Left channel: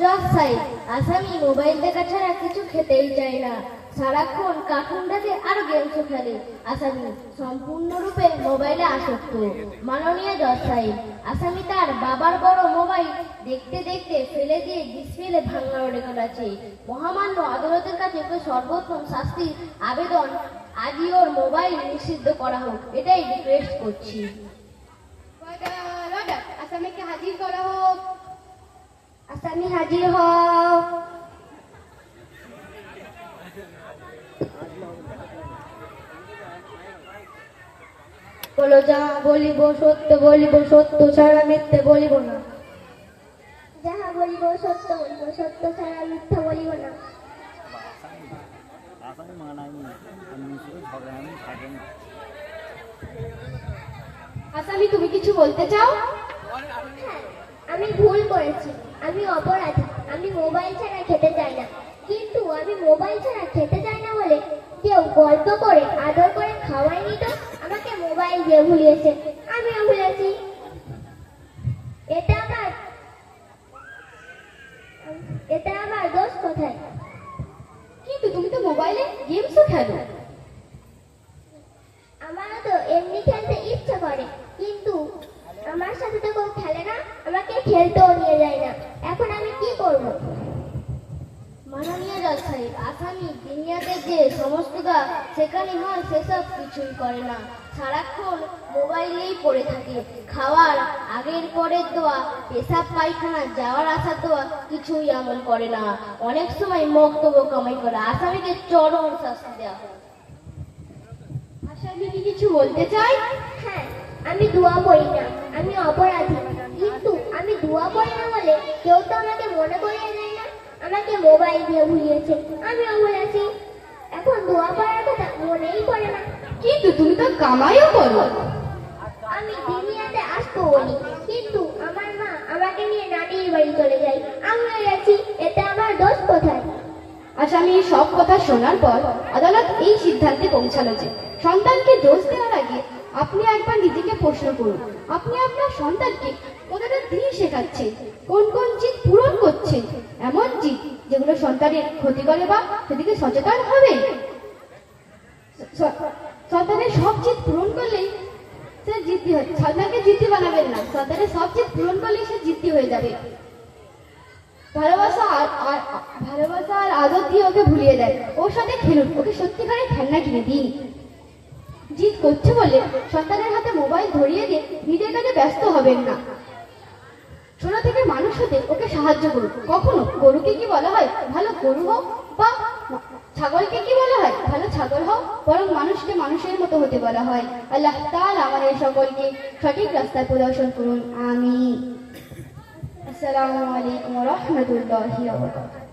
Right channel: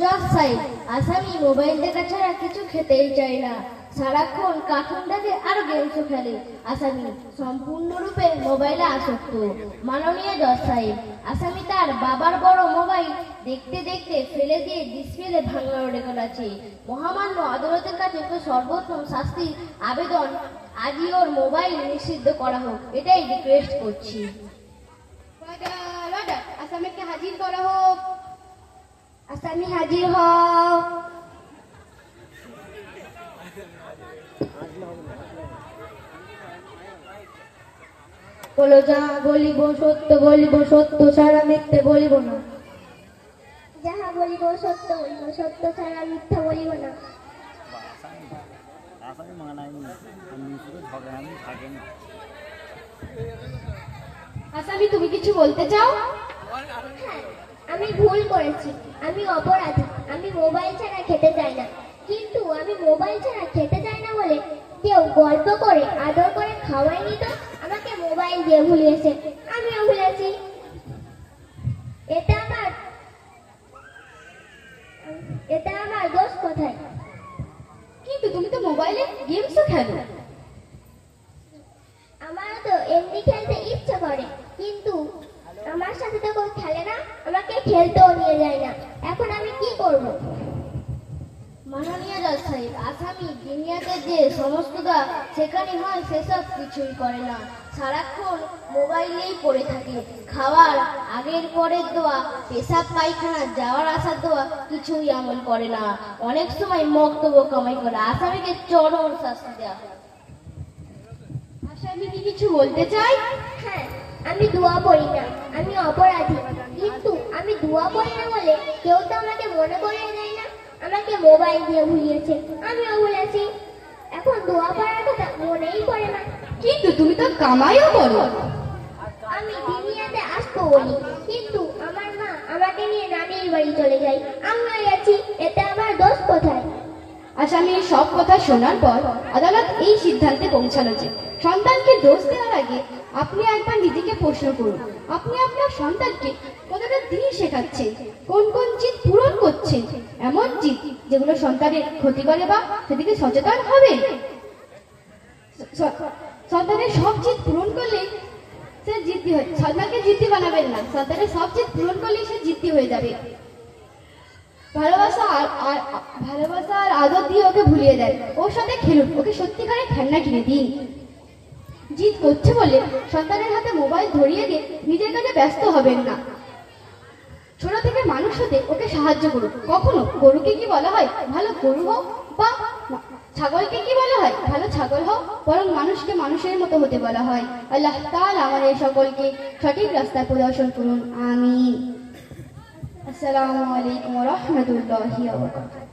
জজ সাহেব, আসামি মোবাইল দেখা ছাড়া কিছু খেতেই চায় না। সারাক্ষণ কার্টুন দেখে আর গেমসও খেলে। আসামি সম্পূর্ণরূপে মোবাইলে আসক্ত। মাননীয় জজ সাহেব, আসামি তার বাবার বড় মোবাইল দেখতে দেখতে ফেলে দিয়ে ডিসপ্লে ভাঙা উড়ে গেছে। মহামান্য আদালতের কাছে তো সর্বোত্তম শাস্তির আবেদন, আজই ওর মোবাইল নিষিদ্ধ করা হোক, এটাই রিকোয়েস্ট করছি। আসামিকে হাজির করা হোক। আসামি হাজির হও। বলো, যা বলিব সত্য বলিব, সত্য ছাড়া মিথ্যে বলিব না। যাহা বলিব সত্য বলিব, সত্য ছাড়া মিথ্যা বলিব না। আসামি, তুমি কিছু বলতে চাও? হ্যাঁ, আমি ভুল করেছি, আমি অপরাধী। আমি মোবাইল ছাড়া খেতে চাই না, কিন্তু আমি মোবাইল ছাড়া খেতে চাই না বলে কেউ গল্প করে আদর করে খাওয়ায়নি তো আমাকে মোবাইল দিয়ে ভুলিয়েছে, আমিও ভুলেছি। এটা আমার দোষ কোথায়? কিন্তু তুমি তো মোবাইলে গেমসও খেলো। আমারও তো এমনি খেলতে ইচ্ছে করে, কিন্তু আমার সাথে তো কেউ খেলে না, আমাকে খেলতেও নিয়ে যায় না। এখন আমি কি করব? মাননীয় জজ সাহেব, আসামি দুনিয়াতে যে সমস্ত কাজ সেখানে হয় সেসব কিছুই করে না। সারাক্ষণ মোবাইলেই পড়ে থাকে। খাওয়ার আগের পরের দোয়া, পেশাব পায়খানা যাওয়ার আসার দোয়া কিছুই আমল করে না। অনেক সময় মক্তব্য কামাই করে। আসামিকে চরম শাস্তি দেওয়া হয়। আসামি কি কিছু বলতে চাই? হ্যাঁ, আমি দোয়া পড়ি না, আমি অপরাধী। কিন্তু আমি দোয়া পড়ি না বলে কেউ তো আমাকে মনে করিয়ে দেয় না। আমাকে মোবাইল দিয়ে ভুলিয়েছে, আমিও ভুলেছি। এখন দোয়া পড়ার কথা মনেই পড়ে না। কিন্তু তুমি তো কামাইও করো। আমি দুনিয়াতে আসবো বলি, কিন্তু আমার মা আমাকে নিয়ে নানির বাড়ি চলে যায়, আমিও গেছি। এটা আমার দোষ কোথায়? আসামি সব কথা শোনার পর আদালত এই সিদ্ধান্তে পৌঁছালো যে সন্তানকে দোষ দেওয়ার আগে আপনি একবার নিজেকে প্রশ্ন করুন, আপনি আপনার সন্তানকে কতটা দিন শেখাচ্ছেন, কোন কোন জিদ পূরণ করছেন, এমন জিদ যেগুলো সন্তানের ক্ষতি করে বা সেদিকে সচেতন হবে। সন্তানের সব জিদ পূরণ করলেই সে জিদ্দি হয়। সন্তানকে জিদ্দি বানাবেন না, সন্তানের সব জিদ পূরণ করলেই সে জিদ্দি হয়ে যাবে। ভালোবাসা আর আদর দিয়ে ওকে ভুলিয়ে দেয়। ওর সাথে খেলুন, ওকে সত্যিকারের খেলনা কিনে দিন। জিদ করছে বলে সন্তানের হাতে মোবাইল ধরিয়ে দিয়ে নিজের কাজে ব্যস্ত হবেন না। ছোট থেকে মানুষ হতে ওকে সাহায্য করুন। কখনো গরুকে কি বলা হয়, ভালো গরু হও, বা ছাগলকে কি বলা হয়, ভালো ছাগল হও, বরং মানুষকে মানুষের মতো হতে বলা হয়। আল্লাহ তাআলা আমাদের সকলকে সঠিক রাস্তায় প্রদর্শন করুন। আমিন। আসসালামু আলাইকুম ওয়া রাহমাতুল্লাহি ওয়া বারাকাতুহু।